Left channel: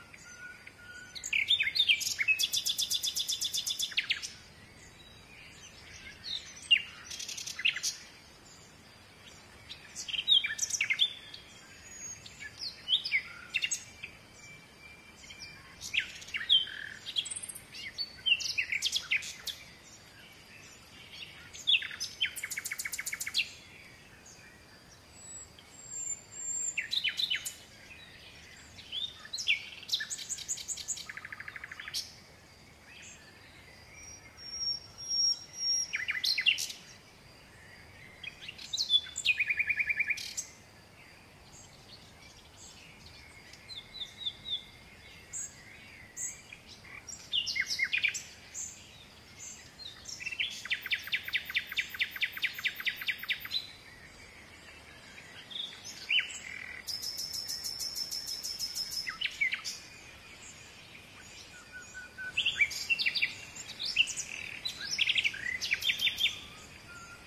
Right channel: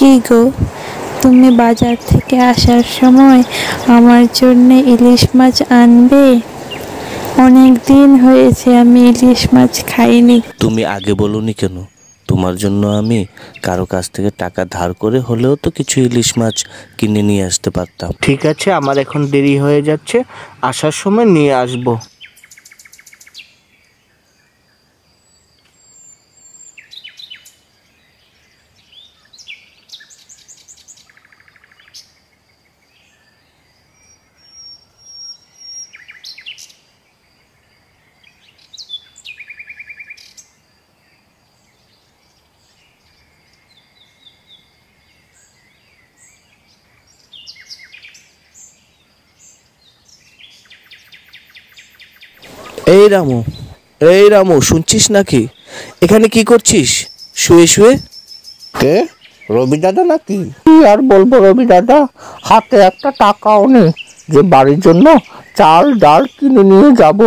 কি গো, তুমি বাজার থেকে আসার সময় আমার জন্য ইলিশ মাছ আনবে? অনেক দিন হয়েছে আমি ইলিশ মাছ খাইনি। তুমি আগে বলোনি কেন? তোমার জন্য আমি কারো কাছ থেকে টাকা ধার করে হলেও তো কিছু ইলিশ মাছ কিনে নিয়ে আসতে পারতাম। ঠিক আছে, আমার এখন দেরি হয়ে যাচ্ছে, আসার সময় নিয়ে আসবো। এই রামু, শুনছিস নাকি? এখানে কি করছিস শুয়ে শুয়ে? কে? রবি দাদা নাকি? কি আর বলবো রবি দাদা, হাতে একটা টাকাও নেই যে বাড়ির জন্য চাল ডাল কিনে নিয়ে যাব।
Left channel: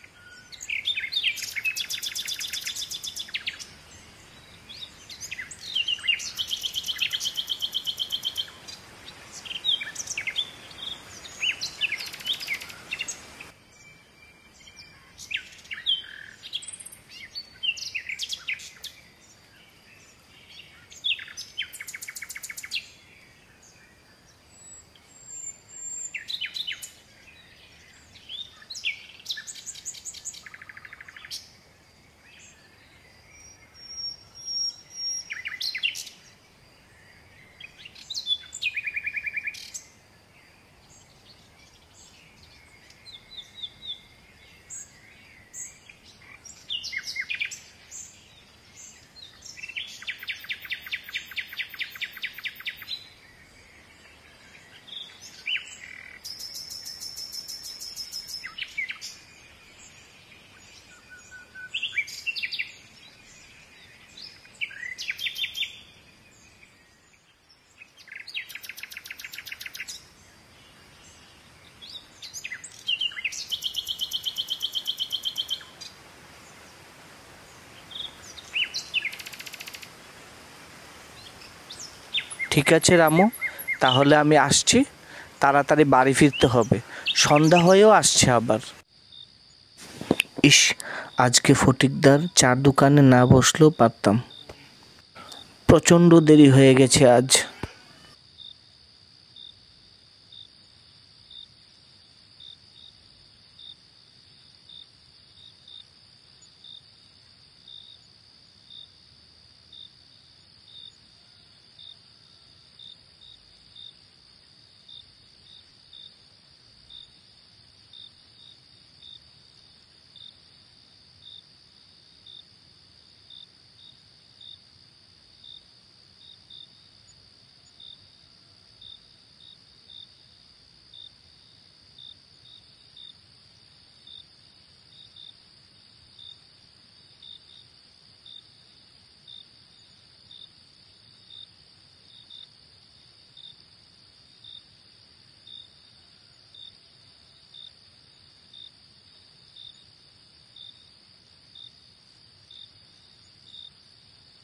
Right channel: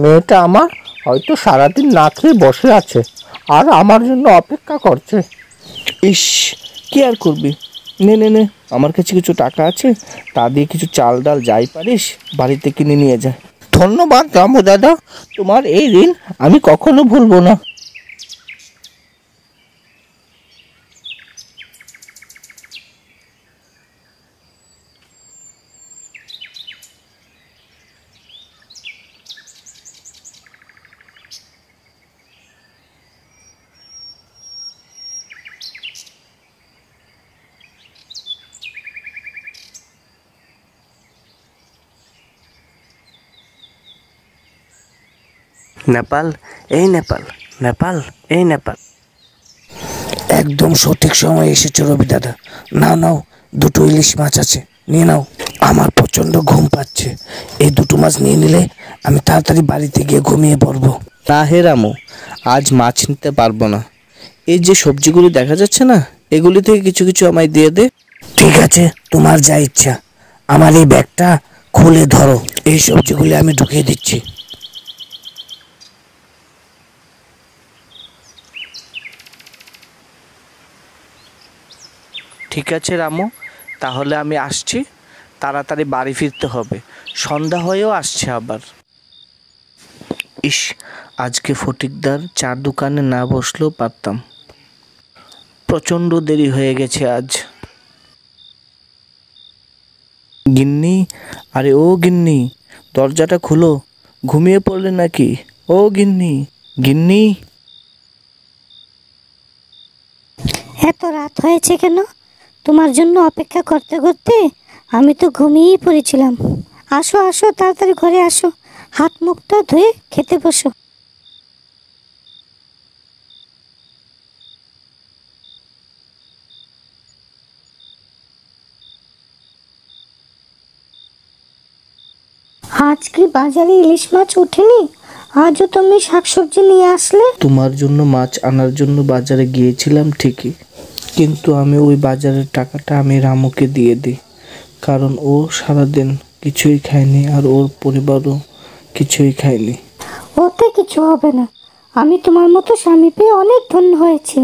মেয়েটা আমার হয়তো সারাদিন না খেয়ে বসে আছে আর আমার জন্য অপেক্ষা করছে। ইস, কি আর করবি, নে নে নে, আমার কাছে কিছু টাকা আছে, তা দিয়ে কিছু চাল ডাল যাই পারিস বাড়িতে কিনে নিয়ে যা। ধন্যবাদ রামু দাদা, তোমার এই ঋণ আমি কখনো ভুলবো না। নেপাল, এই নেপাল, নেপাল, এই নেপাল। একদম সঠিক সময় এসেছো রবি দাদা। নাও নাও, দুটো ইলিশ মাছ আছে, নিয়ে নাও। আমার প্রচণ্ড ঘুম পাচ্ছে, এই দুটো মাছ নিয়ে নিলে আমি তাড়াতাড়ি বাড়িতে গিয়ে ঘুমিয়ে পড়বো। না হে রামু, আজ মাছ নিতে পারবো না। এই যে সবজিগুলি দেখা যাচ্ছে না, এগুলি থেকে কিছু কিছু আমায় দিয়ে দে। ঠিক আছে, তোমার যা ইচ্ছা। আমার এই ব্যাগটা খুলে ধরো, এই সবজিগুলি আমি ঢুকিয়ে দিচ্ছি। ঠিক আছে রামু, তাহলে আমি আসছি, তাড়াতাড়ি বাড়ি ফিরতে হবে, সন্ধ্যা হয়েও আসছে আবার। ইস, আজকে ফটিকদার চার দোকানে না বসলেও পারতাম, প্রচণ্ড দেরি হয়ে গেছে আজ। গিন্নি, আরে ও গিন্নি, দরজাটা খুলো, ঘুমিয়ে পড়লে নাকি? ও গিন্নি, গিন্নি। এত রাত হয়েছে কেন? তোমার জন্য অপেক্ষা করতে করতে আমি তো ঘুমিয়েই পড়েছিলাম। আসো আসো, তাড়াতাড়ি ঘরে আসো, হাত মুখটা ধুয়ে খেতে বসো। আজ কি বাজারে ইলিশ মাছ ওঠেনি? আজও তুমি শাকসবজি নিয়ে আসলে। তোমার জন্য মাছ আনার জন্য বাজারে গিয়েছিলাম ঠিকই, কিন্তু আমি ওই বাজারের টাকাটা আমি রামুকে দিয়ে দিই, কারণ ও সারাদিন কিছুই খায়নি আর ওর পরিবারও কিছুই খায়নি। ওতে কিছু হবে না, আমি তোমার মতো স্বামী পেয়ে অনেক ধন্য হয়েছি।